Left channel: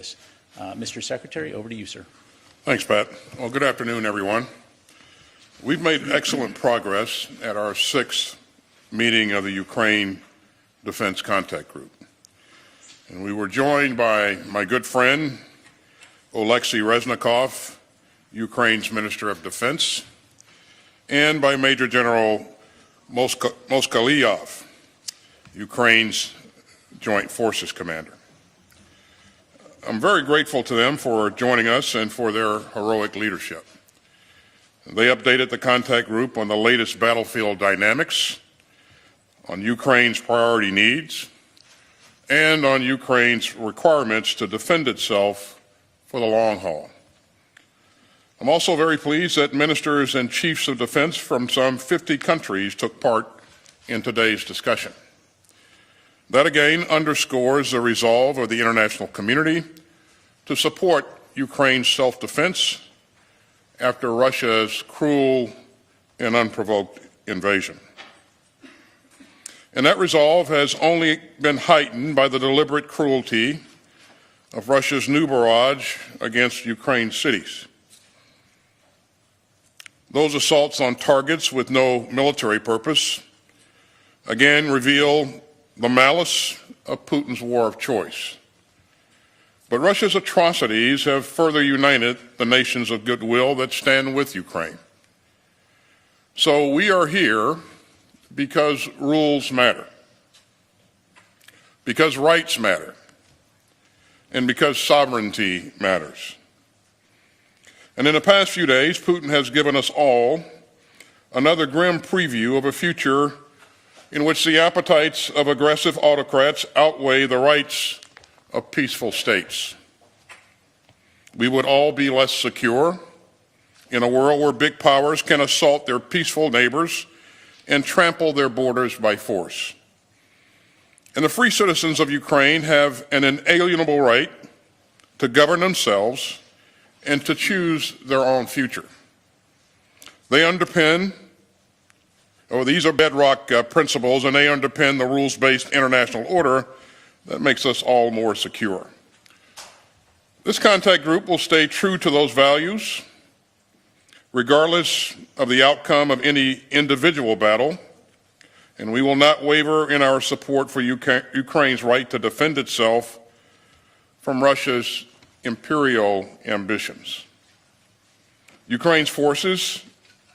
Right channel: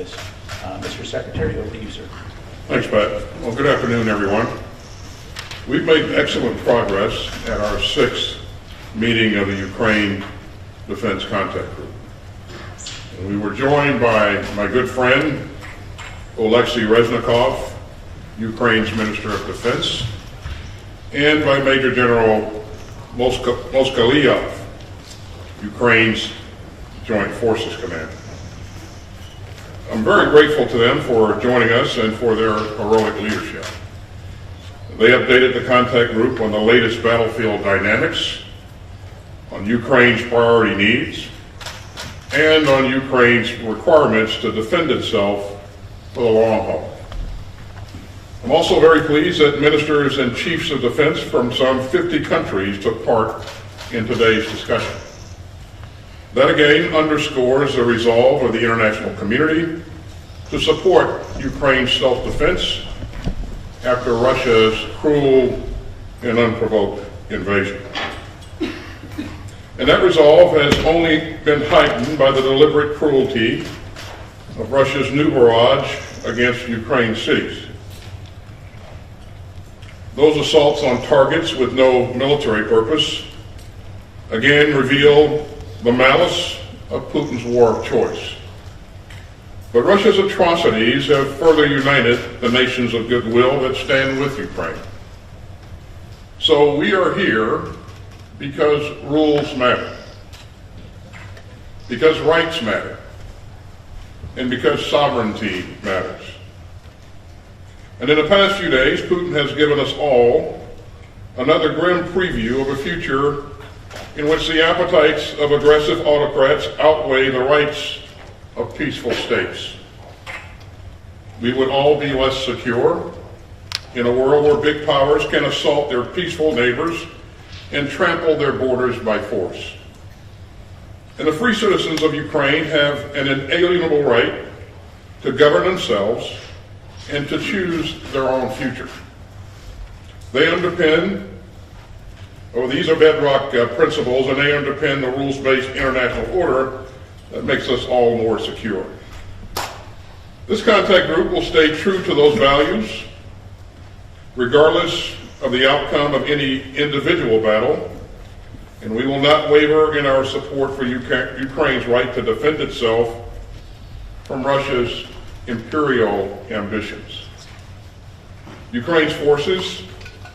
this. Mr. Secretary, over to you, sir. Thanks, Pat. Well, good afternoon, everyone. We've made excellent progress at our 6th meeting of the Ukraine Defense Contact Group. And we were joined by my good friend, Oleksiy Reznikov, Ukraine's Minister of Defense, and by Major General Moskalyov, Ukraine's Joint Forces Commander. I'm very grateful to them for joining us and for their heroic leadership. They updated the contact group on the latest battlefield dynamics, on Ukraine's priority needs, and on Ukraine's requirements to defend itself for the long haul. I'm also very pleased that ministers and chiefs of defense from some 50 countries took part in today's discussion. That again underscores the resolve of the international community to support Ukraine's self-defense after Russia's cruel and unprovoked invasion. And that resolve has only been heightened by the deliberate cruelty of Russia's new barrage against Ukraine's cities. Those assaults on targets with no military purpose again reveal the malice of Putin's war of choice. But Russia's atrocities have further united the nations of goodwill that stand with Ukraine. So we are here because rules matter, because rights matter, and because sovereignty matters. And in the past few days, Putin has given us all another grim preview of a future in which the appetites of aggressive autocrats outweigh the rights of peaceful states. We would all be less secure in a world where big powers can assault their peaceful neighbors and trample their borders by force. And the free citizens of Ukraine have an inalienable right to govern themselves and to choose their own future. These are bedrock principles, and they underpin the rules-based international order that makes us all more secure. This contact group will stay true to those values, regardless of the outcome of any individual battle, and we will not waver in our support for Ukraine's right to defend itself from Russia's imperial ambitions. Ukraine's forces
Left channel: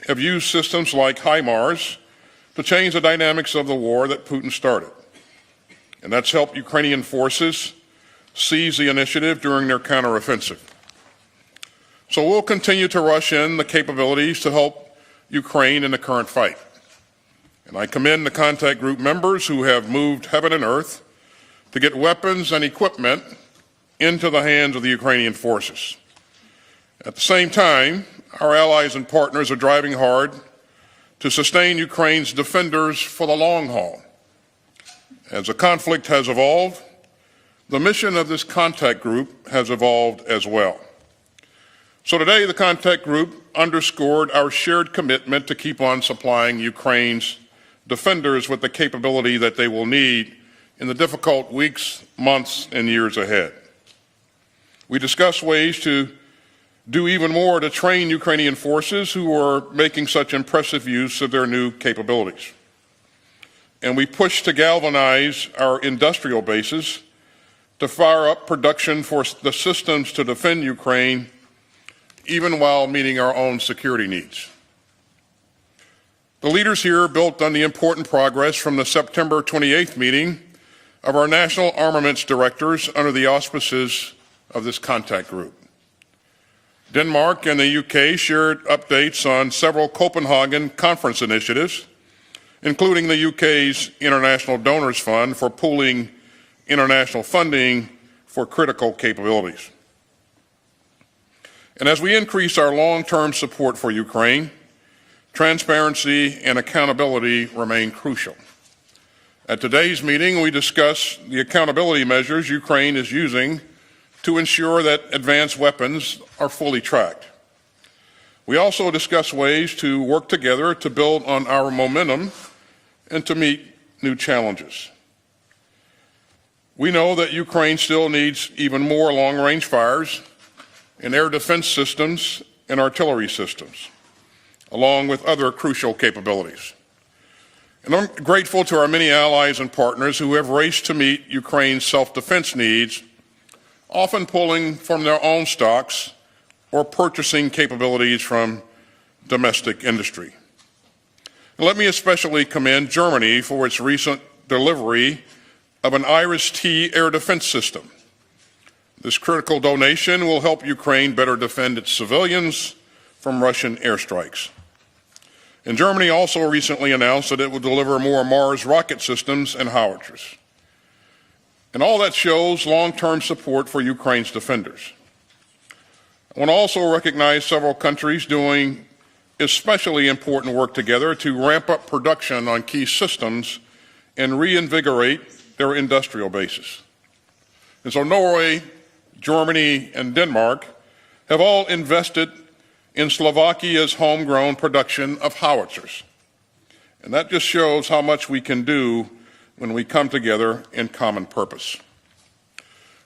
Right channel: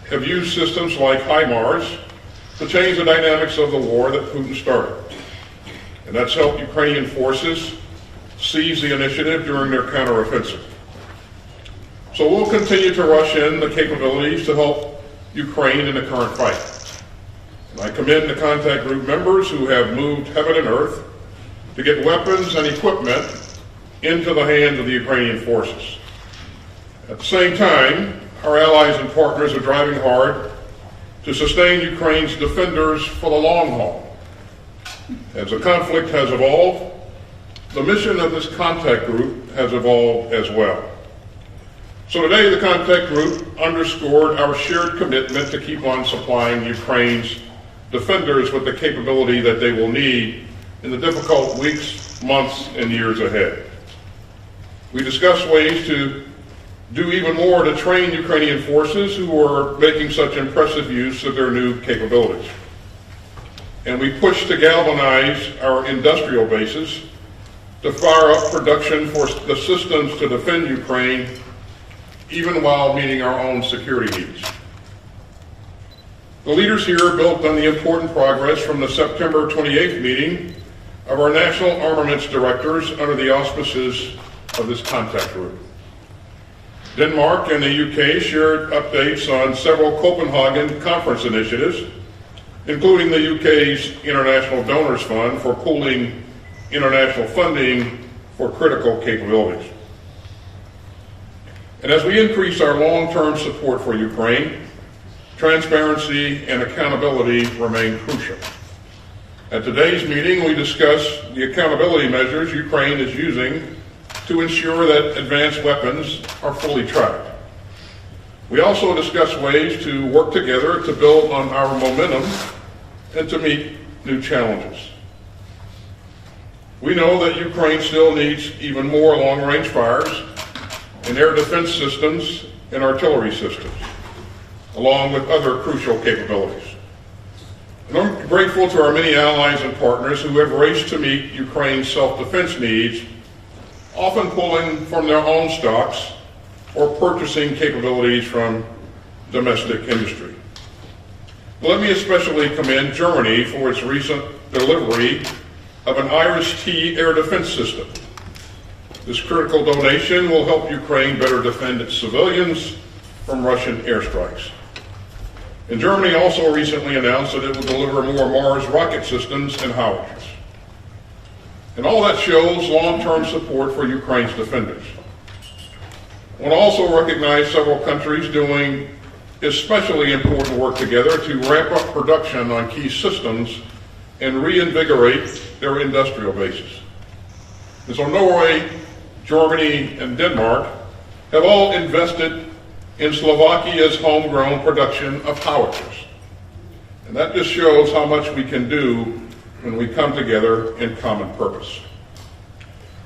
have used systems like HIMARS to change the dynamics of the war that Putin started. And that's helped Ukrainian forces seize the initiative during their counteroffensive. So we'll continue to rush in the capabilities to help Ukraine in the current fight. And I commend the contact group members who have moved heaven and earth to get weapons and equipment into the hands of the Ukrainian forces. At the same time, our allies and partners are driving hard to sustain Ukraine's defenders for the long haul. As the conflict has evolved, the mission of this contact group has evolved as well. So today, the contact group underscored our shared commitment to keep on supplying Ukraine's defenders with the capability that they will need in the difficult weeks, months, and years ahead. We discussed ways to do even more to train Ukrainian forces who are making such impressive use of their new capabilities. And we pushed to galvanize our industrial bases to fire up production for the systems to defend Ukraine, even while meeting our own security needs. The leaders here built on the important progress from the September 28th meeting of our national armaments directors under the auspices of this contact group. Denmark and the UK shared updates on several Copenhagen conference initiatives, including the UK's International Donors Fund for pooling international funding for critical capabilities. And as we increase our long-term support for Ukraine, transparency and accountability remain crucial. At today's meeting, we discuss the accountability measures Ukraine is using to ensure that advanced weapons are fully tracked. We also discuss ways to work together to build on our momentum and to meet new challenges. We know that Ukraine still needs even more long-range fires and air defense systems and artillery systems, along with other crucial capabilities. And I'm grateful to our many allies and partners who have raced to meet Ukraine's self-defense needs, often pulling from their own stocks or purchasing capabilities from domestic industry. And let me especially commend Germany for its recent delivery of an Iris-T air defense system. This critical donation will help Ukraine better defend its civilians from Russian airstrikes. And Germany also recently announced that it will deliver more Mars rocket systems and howitzers. And all that shows long-term support for Ukraine's defenders. I want to also recognize several countries doing especially important work together to ramp up production on key systems and reinvigorate their industrial bases. And so Norway, Germany, and Denmark have all invested in Slovakia's homegrown production of howitzers. And that just shows how much we can do when we come together in common purpose.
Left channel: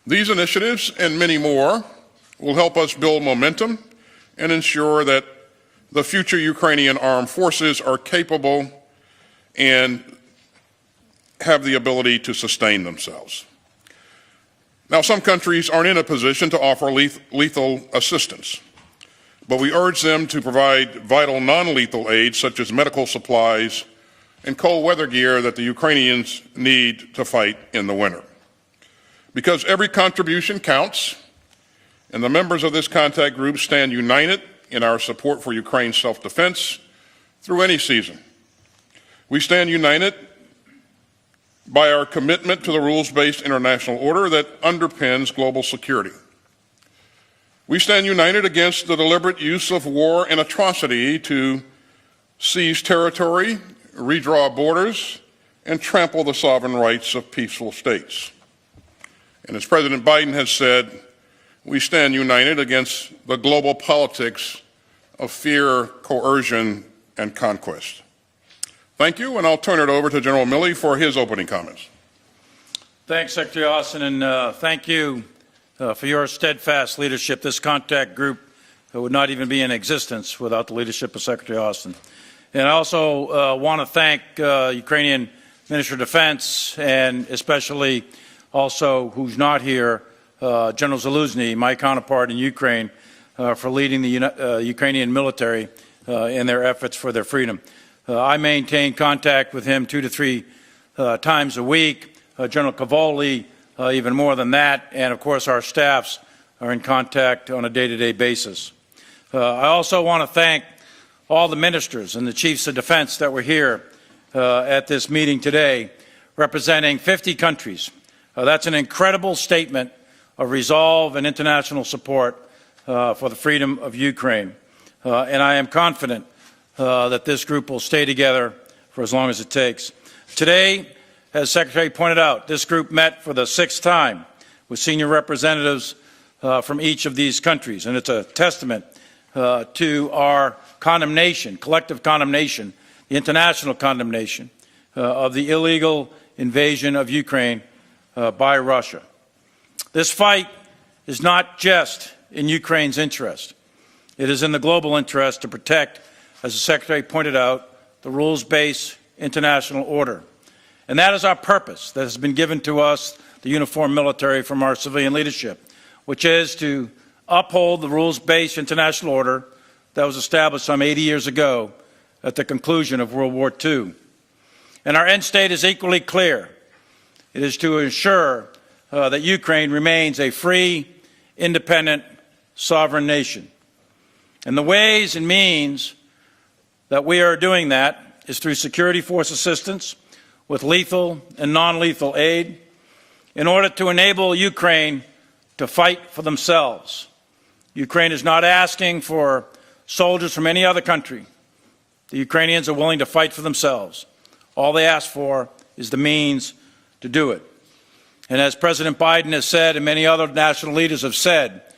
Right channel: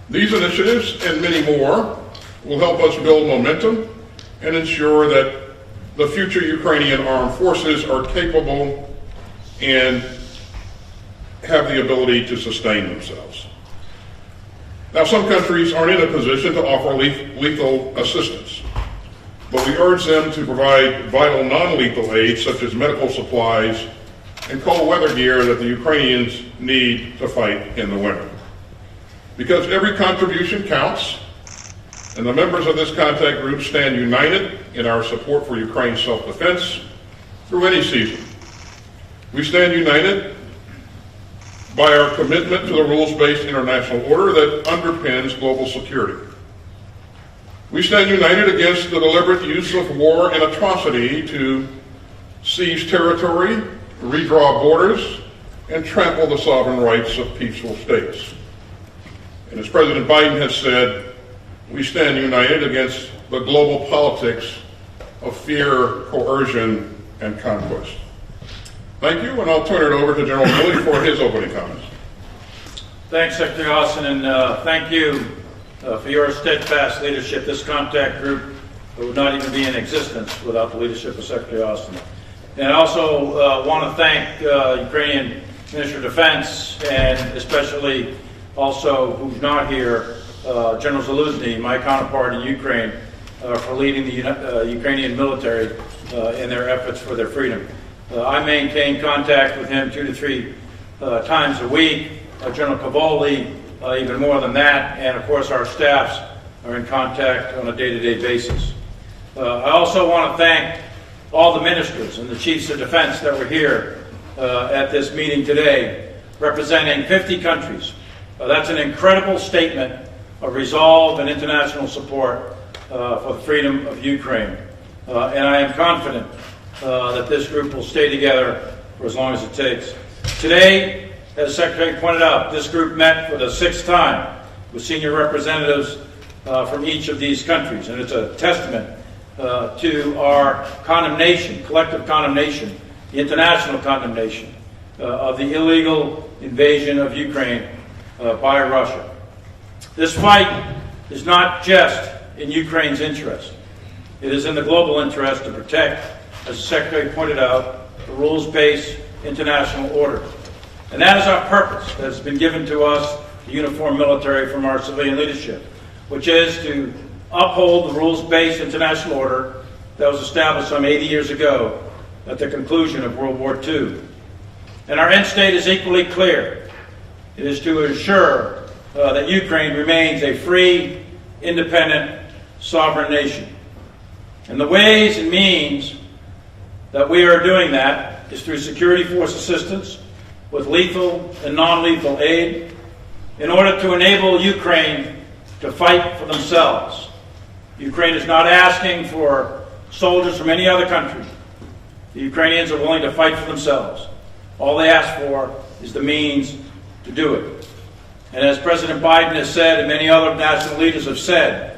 These initiatives and many more will help us build momentum and ensure that the future Ukrainian armed forces are capable and have the ability to sustain themselves. Now, some countries aren't in a position to offer lethal assistance, but we urge them to provide vital non-lethal aid such as medical supplies and cold weather gear that the Ukrainians need to fight in the winter. Because every contribution counts, and the members of this contact group stand united in our support for Ukraine's self-defense through any season. We stand united by our commitment to the rules-based international order that underpins global security. We stand united against the deliberate use of war and atrocity to seize territory, redraw borders, and trample the sovereign rights of peaceful states. And as President Biden has said, we stand united against the global politics of fear, coercion, and conquest. Thank you, and I'll turn it over to General Milley for his opening comments. Thanks, Secretary Austin, and thank you for your steadfast leadership. This contact group would not even be in existence without the leadership of Secretary Austin. And I also want to thank Ukrainian Minister of Defense, and especially also, who's not here, General Zaluzny, my counterpart in Ukraine, for leading the Ukrainian military in their efforts for their freedom. I maintain contact with him 2 to 3 times a week. General Cavoli, even more than that, and of course our staffs are in contact on a day-to-day basis. I also want to thank all the ministers and the chiefs of defense that were here at this meeting today, representing 50 countries. That's an incredible statement of resolve and international support for the freedom of Ukraine. And I am confident that this group will stay together for as long as it takes. Today, as Secretary pointed out, this group met for the 6th time with senior representatives from each of these countries, and it's a testament to our condemnation, collective condemnation, the international condemnation of the illegal invasion of Ukraine by Russia. This fight is not just in Ukraine's interest. It is in the global interest to protect, as the Secretary pointed out, the rules-based international order. And that is our purpose that has been given to us, the uniformed military, from our civilian leadership, which is to uphold the rules-based international order that was established some 80 years ago at the conclusion of World War II. And our end state is equally clear. It is to ensure that Ukraine remains a free, independent, sovereign nation. And the ways and means that we are doing that is through security force assistance, with lethal and non-lethal aid, in order to enable Ukraine to fight for themselves. Ukraine is not asking for soldiers from any other country. The Ukrainians are willing to fight for themselves. All they ask for is the means to do it. And as President Biden has said, and many other national leaders have said,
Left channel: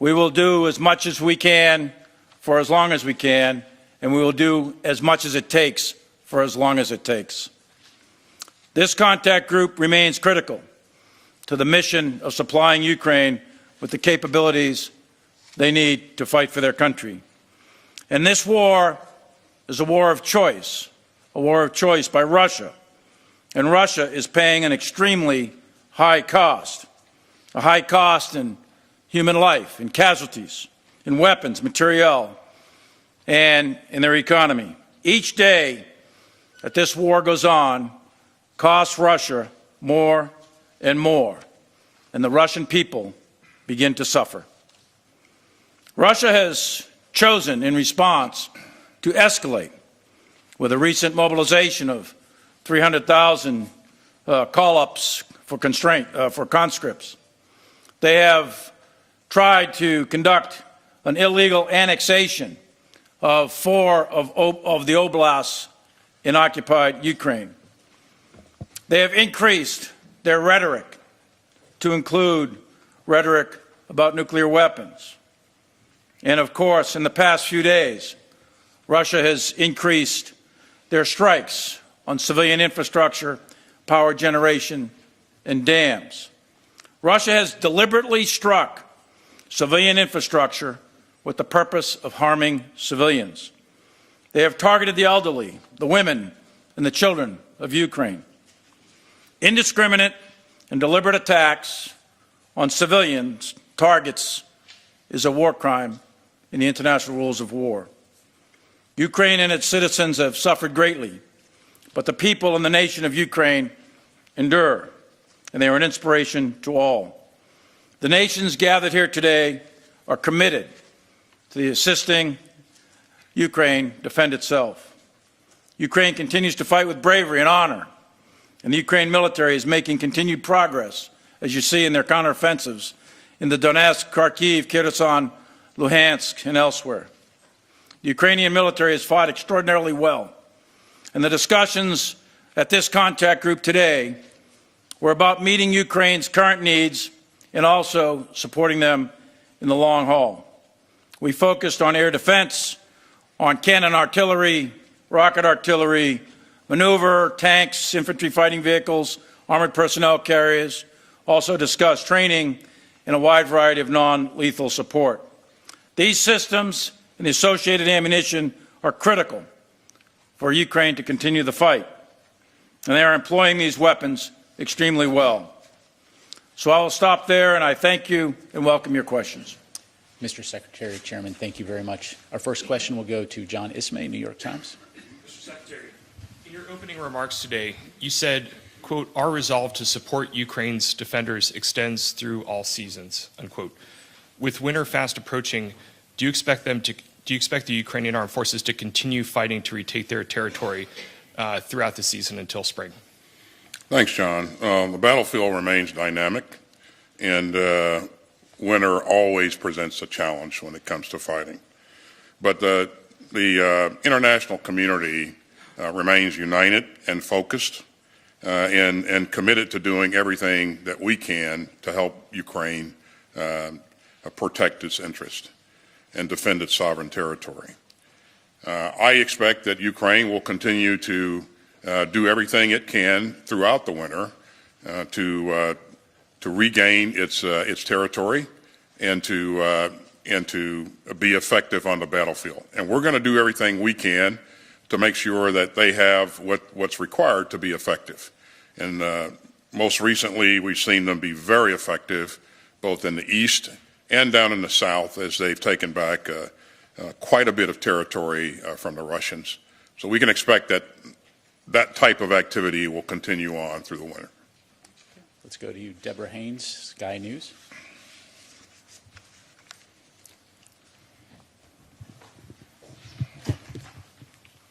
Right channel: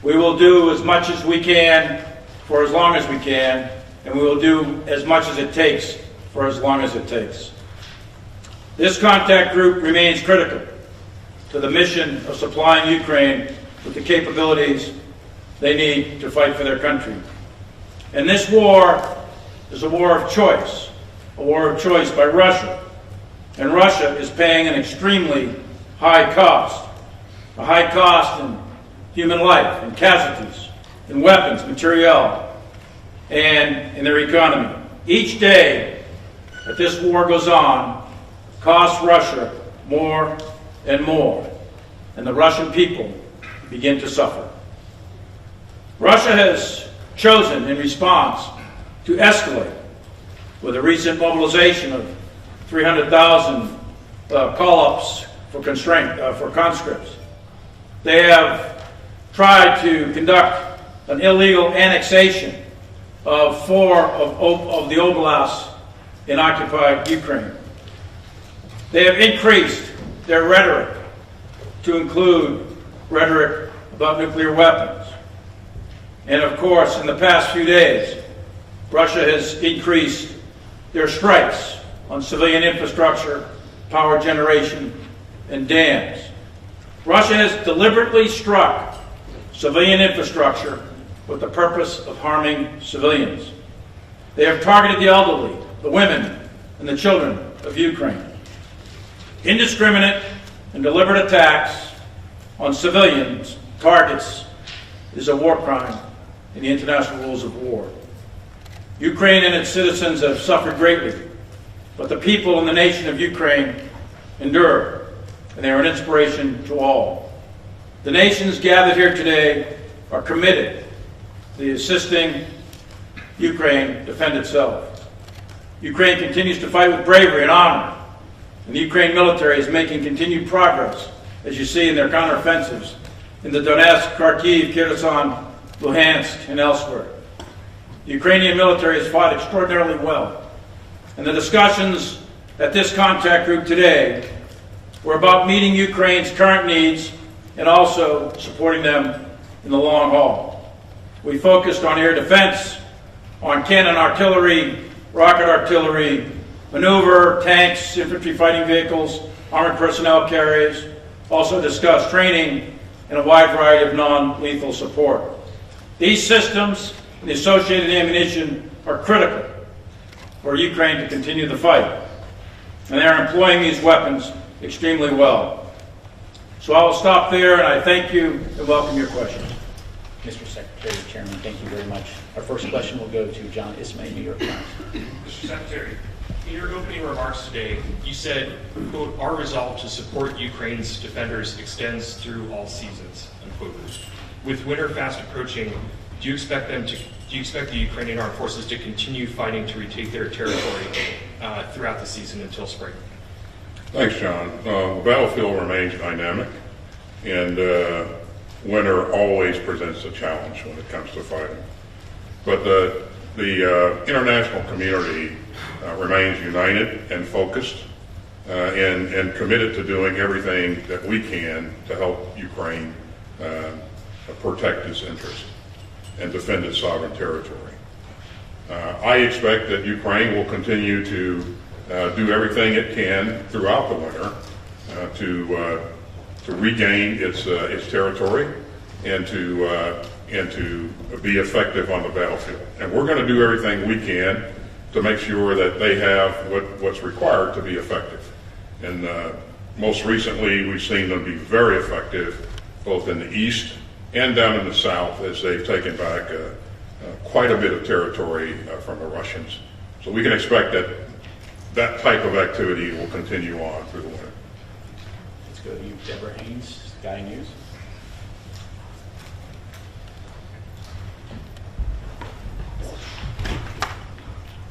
we will do as much as we can for as long as we can, and we will do as much as it takes for as long as it takes. This contact group remains critical to the mission of supplying Ukraine with the capabilities they need to fight for their country. And this war is a war of choice by Russia. And Russia is paying an extremely high cost, a high cost in human life, in casualties, in weapons, materiel, and in their economy. Each day that this war goes on costs Russia more and more, and the Russian people begin to suffer. Russia has chosen, in response, to escalate with a recent mobilization of 300,000 call-ups for conscripts. They have tried to conduct an illegal annexation of 4 of the oblasts in occupied Ukraine. They have increased their rhetoric to include rhetoric about nuclear weapons. And of course, in the past few days, Russia has increased their strikes on civilian infrastructure, power generation, and dams. Russia has deliberately struck civilian infrastructure with the purpose of harming civilians. They have targeted the elderly, the women, and the children of Ukraine. Indiscriminate and deliberate attacks on civilians targets is a war crime in the international rules of war. Ukraine and its citizens have suffered greatly, but the people and the nation of Ukraine endure, and they are an inspiration to all. The nations gathered here today are committed to assisting Ukraine defend itself. Ukraine continues to fight with bravery and honor, and the Ukraine military is making continued progress, as you see in their counteroffensives in the Donetsk, Kharkiv, Kherson, Luhansk, and elsewhere. The Ukrainian military has fought extraordinarily well, and the discussions at this contact group today were about meeting Ukraine's current needs and also supporting them in the long haul. We focused on air defense, on cannon artillery, rocket artillery, maneuver, tanks, infantry fighting vehicles, armored personnel carriers, also discussed training and a wide variety of non-lethal support. These systems and the associated ammunition are critical for Ukraine to continue the fight, and they are employing these weapons extremely well. So I will stop there, and I thank you and welcome your questions. Mr. Secretary, Chairman, thank you very much. Our first question will go to John Ismay, New York Times. Mr. Secretary, in your opening remarks today, you said, quote, "Our resolve to support Ukraine's defenders extends through all seasons," unquote. With winter fast approaching, do you expect the Ukrainian armed forces to continue fighting to retake their territory throughout the season until spring? Thanks, John. The battlefield remains dynamic, and winter always presents a challenge when it comes to fighting. But the international community remains united and focused and committed to doing everything that we can to help Ukraine protect its interest and defend its sovereign territory. I expect that Ukraine will continue to do everything it can throughout the winter to regain its territory and to be effective on the battlefield. And we're going to do everything we can to make sure that they have what's required to be effective. And most recently, we've seen them be very effective both in the east and down in the south as they've taken back quite a bit of territory from the Russians. So we can expect that that type of activity will continue on through the winter. Let's go to you, Deborah Haynes, Sky News.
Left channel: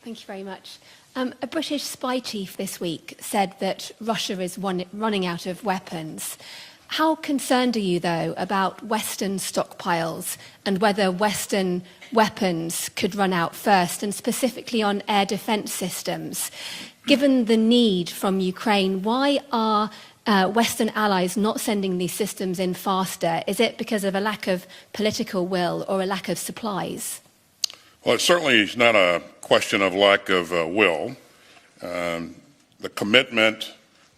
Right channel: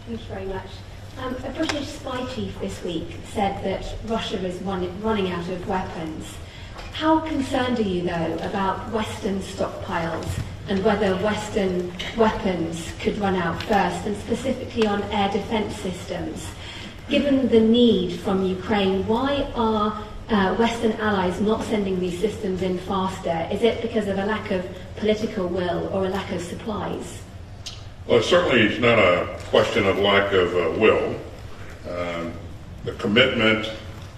Thank you very much. A British spy chief this week said that Russia is running out of weapons. How concerned are you, though, about Western stockpiles and whether Western weapons could run out first, and specifically on air defense systems? Given the need from Ukraine, why are Western allies not sending these systems in faster? Is it because of a lack of political will or a lack of supplies? Well, it certainly is not a question of lack of will. The commitment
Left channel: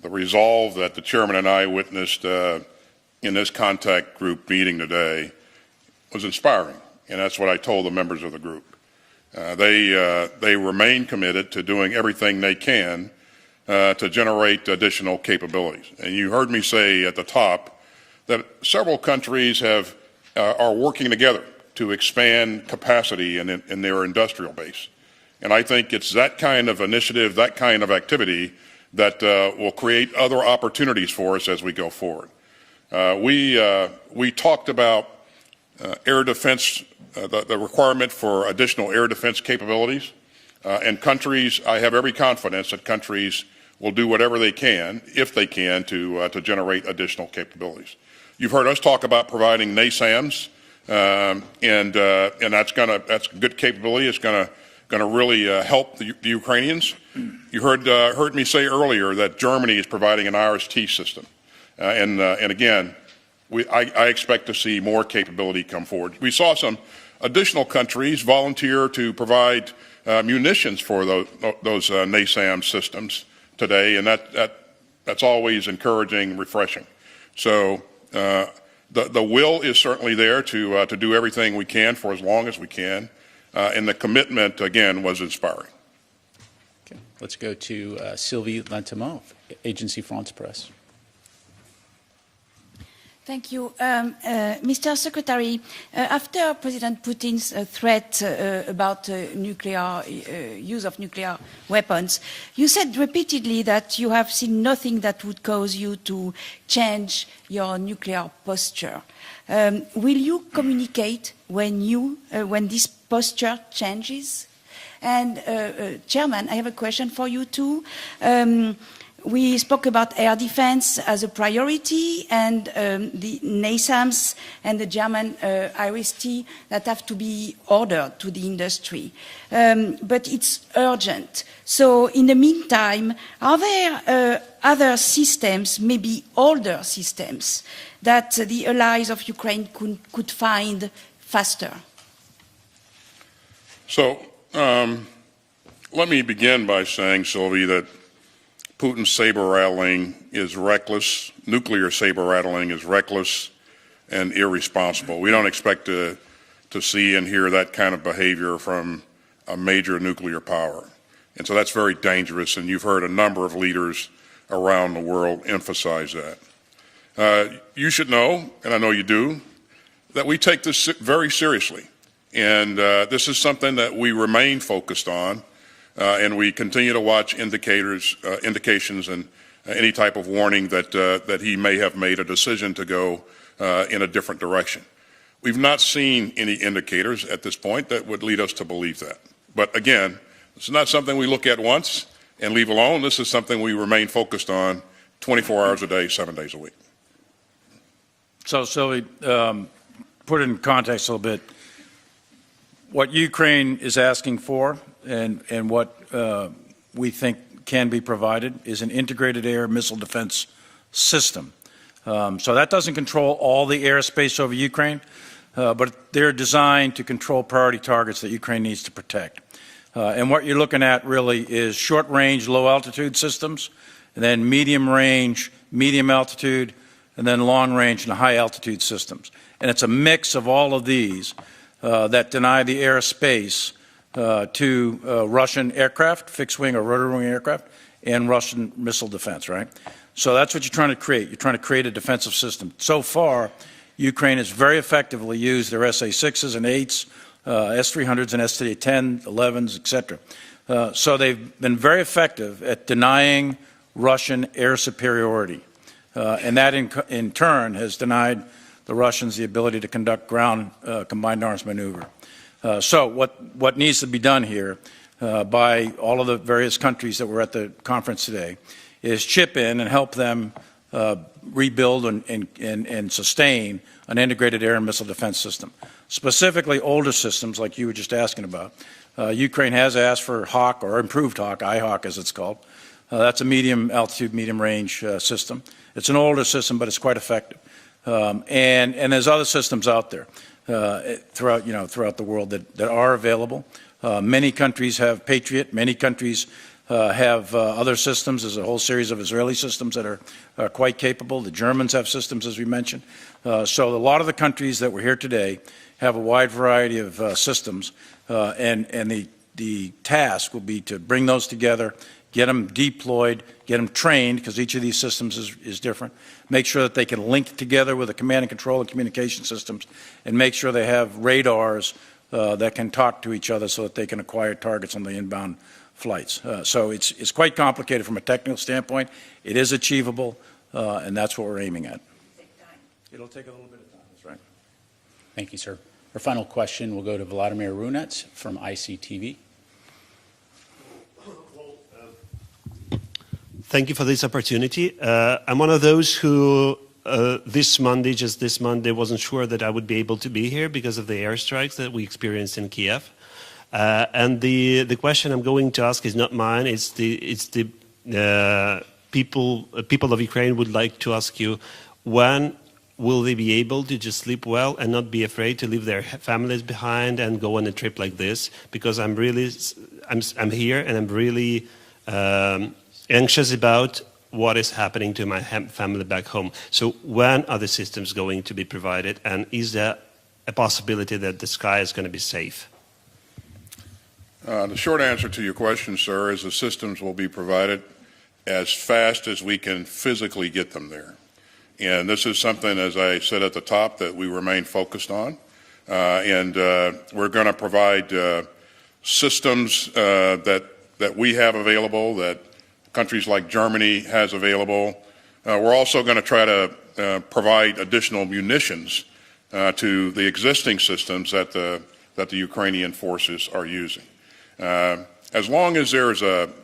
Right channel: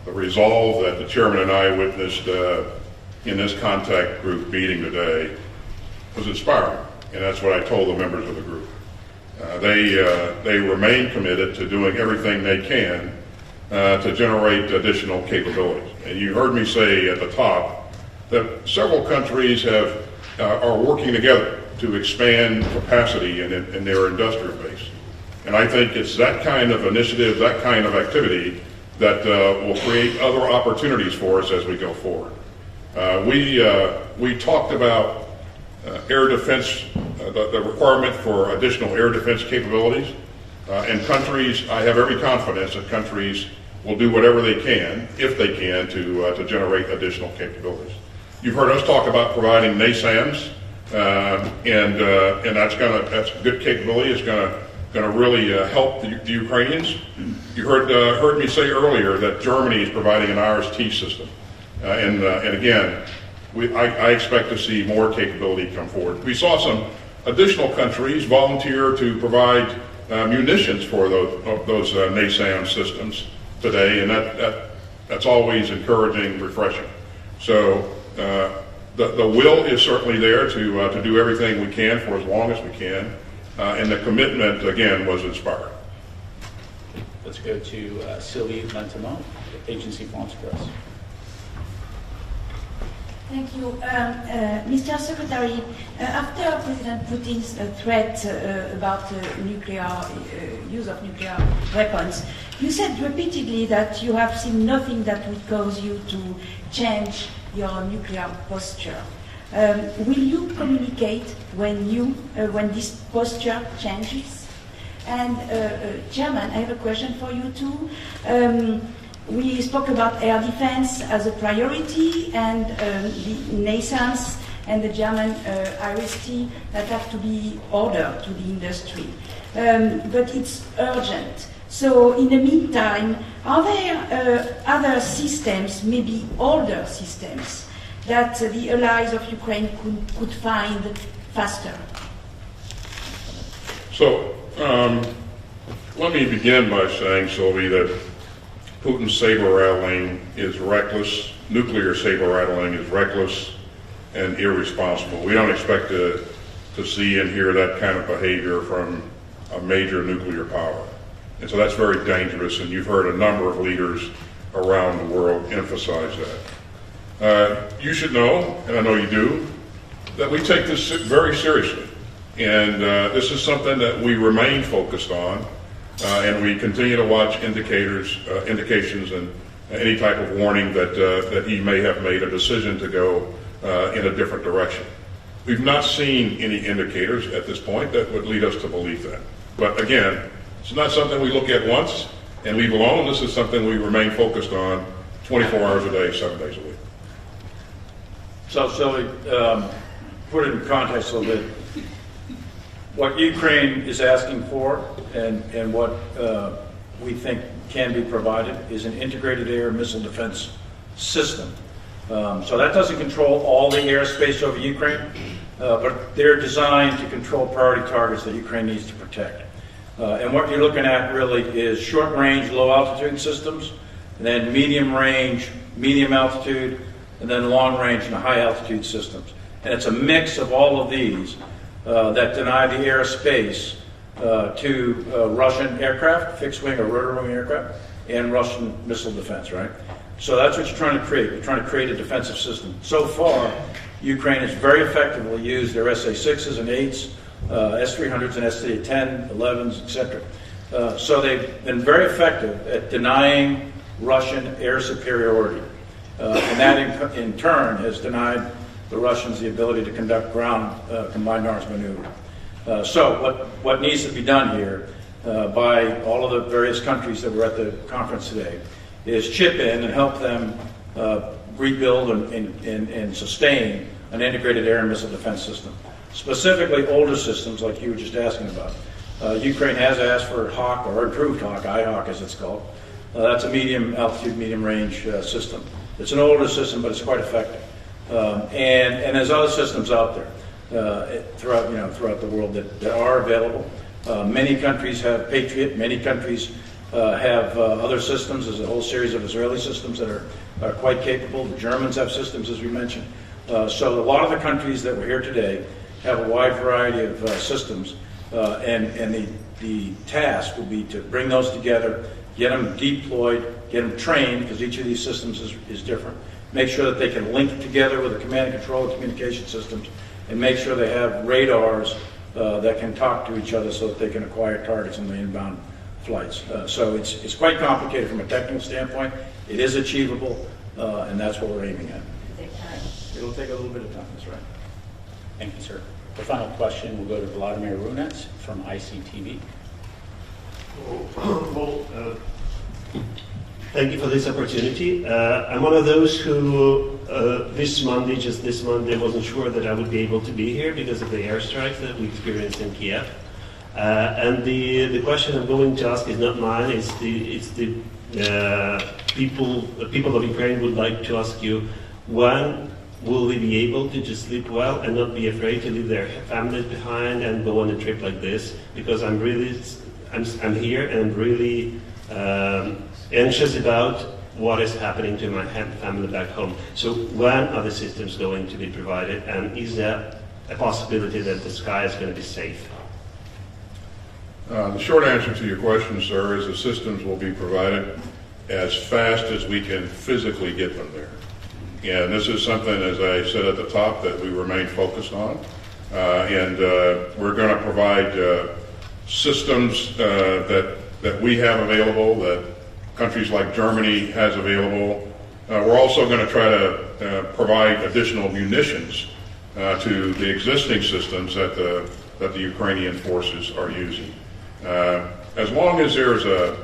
the resolve that the chairman and I witnessed in this contact group meeting today was inspiring, and that's what I told the members of the group. They remain committed to doing everything they can to generate additional capabilities. And you heard me say at the top that several countries are working together to expand capacity in their industrial base. And I think it's that kind of initiative, that kind of activity that will create other opportunities for us as we go forward. We talked about air defense, the requirement for additional air defense capabilities. And countries, I have every confidence that countries will do whatever they can, if they can, to generate additional capabilities. You've heard us talk about providing NASAMS, and that's good capability. It's gonna really help the Ukrainians. You heard me say earlier that Germany is providing an RST system, and again, I expect to see more capability come forward. We saw some additional countries volunteer to provide munitions for those NASAM systems today, and that's always encouraging, refreshing. So the will is certainly there to do everything we can for as long as we can, and the commitment again was inspiring. Okay, let's go to Sylvie Lantemont, Agency France Presse. Thank you. Mr. Secretary, after President Putin's threat about use of nuclear weapons, you said repeatedly that you have seen nothing that would cause you to change your nuclear posture. Will you communicate when this posture changes? And Chairman, I have a question for you too. We spoke about air defense as a priority, and the NASAMS and the German RST that have to be ordered to the industry. But it's urgent. So in the meantime, are there other systems, maybe older systems, that the allies of Ukraine could find faster? So let me begin by saying, Sylvie, that Putin's saber-rattling is reckless. Nuclear saber-rattling is reckless and irresponsible. We don't expect to see and hear that kind of behavior from a major nuclear power. And so that's very dangerous, and you've heard a number of leaders around the world emphasize that. You should know, and I know you do, that we take this very seriously. And this is something that we remain focused on. And we continue to watch indications and any type of warning that he may have made a decision to go in a different direction. We've not seen any indicators at this point that would lead us to believe that. But again, it's not something we look at once and leave alone. This is something we remain focused on 24 hours a day, 7 days a week. So Sylvie, put it in context a little bit. What Ukraine is asking for and what we think can be provided is an integrated air missile defense system. So that doesn't control all the airspace over Ukraine, but they're designed to control priority targets that Ukraine needs to protect. And what you're looking at really is short-range, low-altitude systems, and then medium-range, medium-altitude, and then long-range and high-altitude systems. And it's a mix of all of these that deny the airspace to Russian aircraft, fixed-wing or rotary-wing aircraft, and Russian missile defense, right? So that's what you're trying to create. You're trying to create a defensive system. So far, Ukraine has very effectively used their SA-6s and 8s, S-300s and S-10, 11s, etc. So they've been very effective at denying Russian air superiority. And that in turn has denied the Russians the ability to conduct ground combined arms maneuver. So what needs to be done here by all of the various countries that were at the conference today is chip in and help them rebuild and sustain an integrated air and missile defense system. Specifically older systems like you were just asking about. Ukraine has asked for HAWK, or improved HAWK, IHAWK as it's called. That's a medium altitude, medium range system. It's an older system, but it's quite effective. And there's other systems out there throughout the world that are available. Many countries have Patriot. Many countries have other systems. There's a whole series of Israeli systems that are quite capable. The Germans have systems, as we mentioned. So a lot of the countries that were here today have a wide variety of systems, and the task will be to bring those together, get them deployed, get them trained, because each of these systems is different, make sure that they can link together with the command and control and communication systems, and make sure they have radars that can talk to each other so that they can acquire targets on the inbound flights. So it's quite complicated from a technical standpoint. It is achievable, and that's what we're aiming at. It'll take a little bit of time, that's right. Thank you, sir. The final question will go to Vladimir Runets from ICTV. Thank you for this opportunity. I'm one of those who this Monday, wasn't sure that I would be able to be here because of the airstrikes that we experienced in Kiev. And the question I'm going to ask is not mine. It's the people of Ukraine would like to ask you, when will they be able to just sleep well and not be afraid to leave their families behind and go on a trip like this? Because I'm here and I'm really anxious about what is happening to my family back home. So when are the systems going to be provided, and is there a possibility that the sky is going to be safe? The short answer to your question, sir, is the systems will be provided as fast as we can physically get them there. And this is something, as I said at the top, that we remain focused on. And we're going to provide systems that we have available, that countries like Germany has available. We're also going to try to provide additional munitions to the existing systems that the Ukrainian forces are using. As long as there's a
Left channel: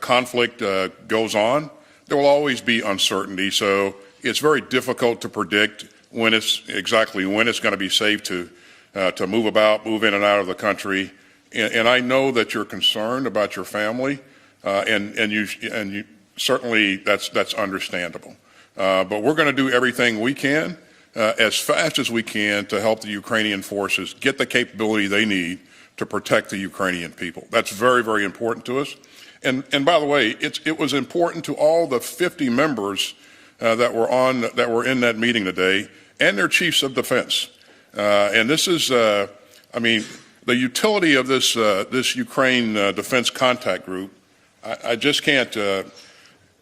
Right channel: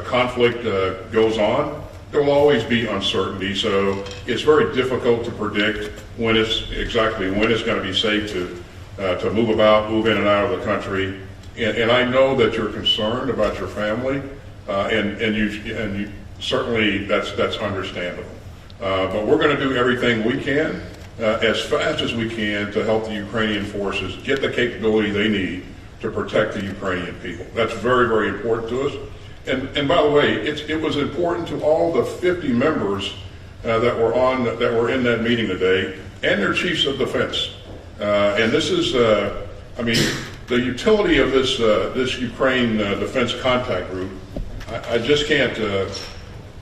conflict goes on, there will always be uncertainty, so it's very difficult to predict when it's going to be safe to move in and out of the country. And I know that you're concerned about your family, and you certainly that's understandable. But we're going to do everything we can, as fast as we can, to help the Ukrainian forces get the capability they need to protect the Ukrainian people. That's very, very important to us. And by the way, it was important to all the 50 members that were in that meeting today, and their chiefs of defense. And this is, the utility of this Ukraine Defense Contact Group. I just can't.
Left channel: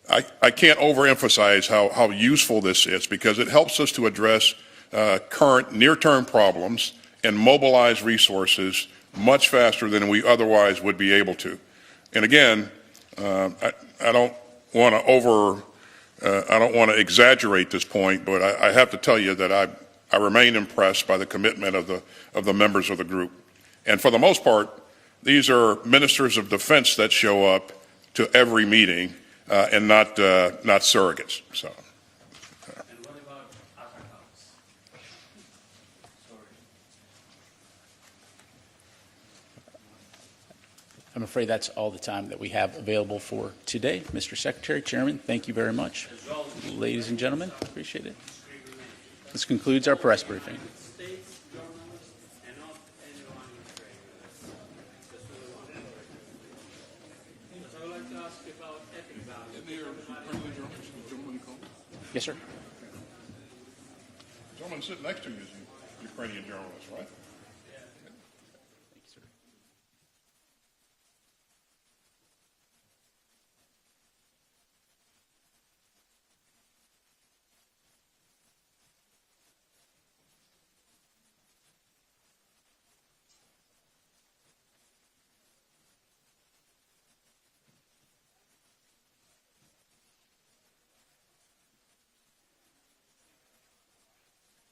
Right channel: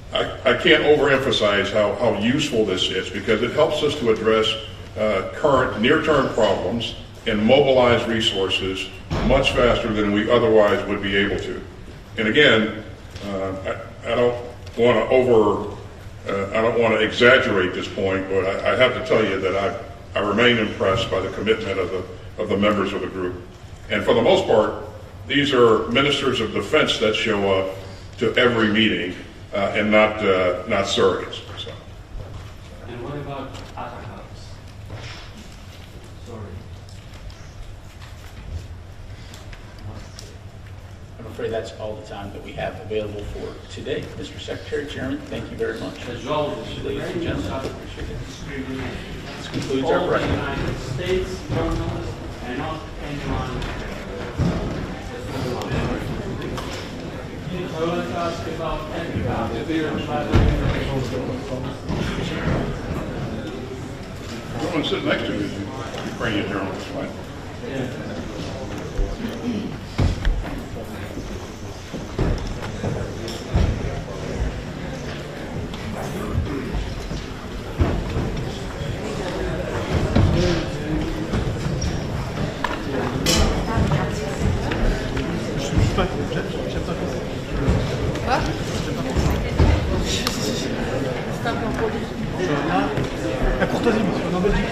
I can't overemphasize how useful this is, because it helps us to address current near-term problems and mobilize resources much faster than we otherwise would be able to. And again, I don't want to exaggerate this point, but I have to tell you that I remain impressed by the commitment of the members of the group. And for the most part, these are ministers of defense that show up to every meeting, and not surrogates. So. And what about other hubs? Sorry. I'm afraid that's all the time that we have available for today. Mr. Secretary, Chairman, thank you very much. Ladies and gentlemen, I appreciate it. This concludes our presentation. United States journalists and not anyone. I would like to ask about The one sitting next to you is a Ukrainian journalist, right? Yeah. La courtoisie, monsieur, en Belgique.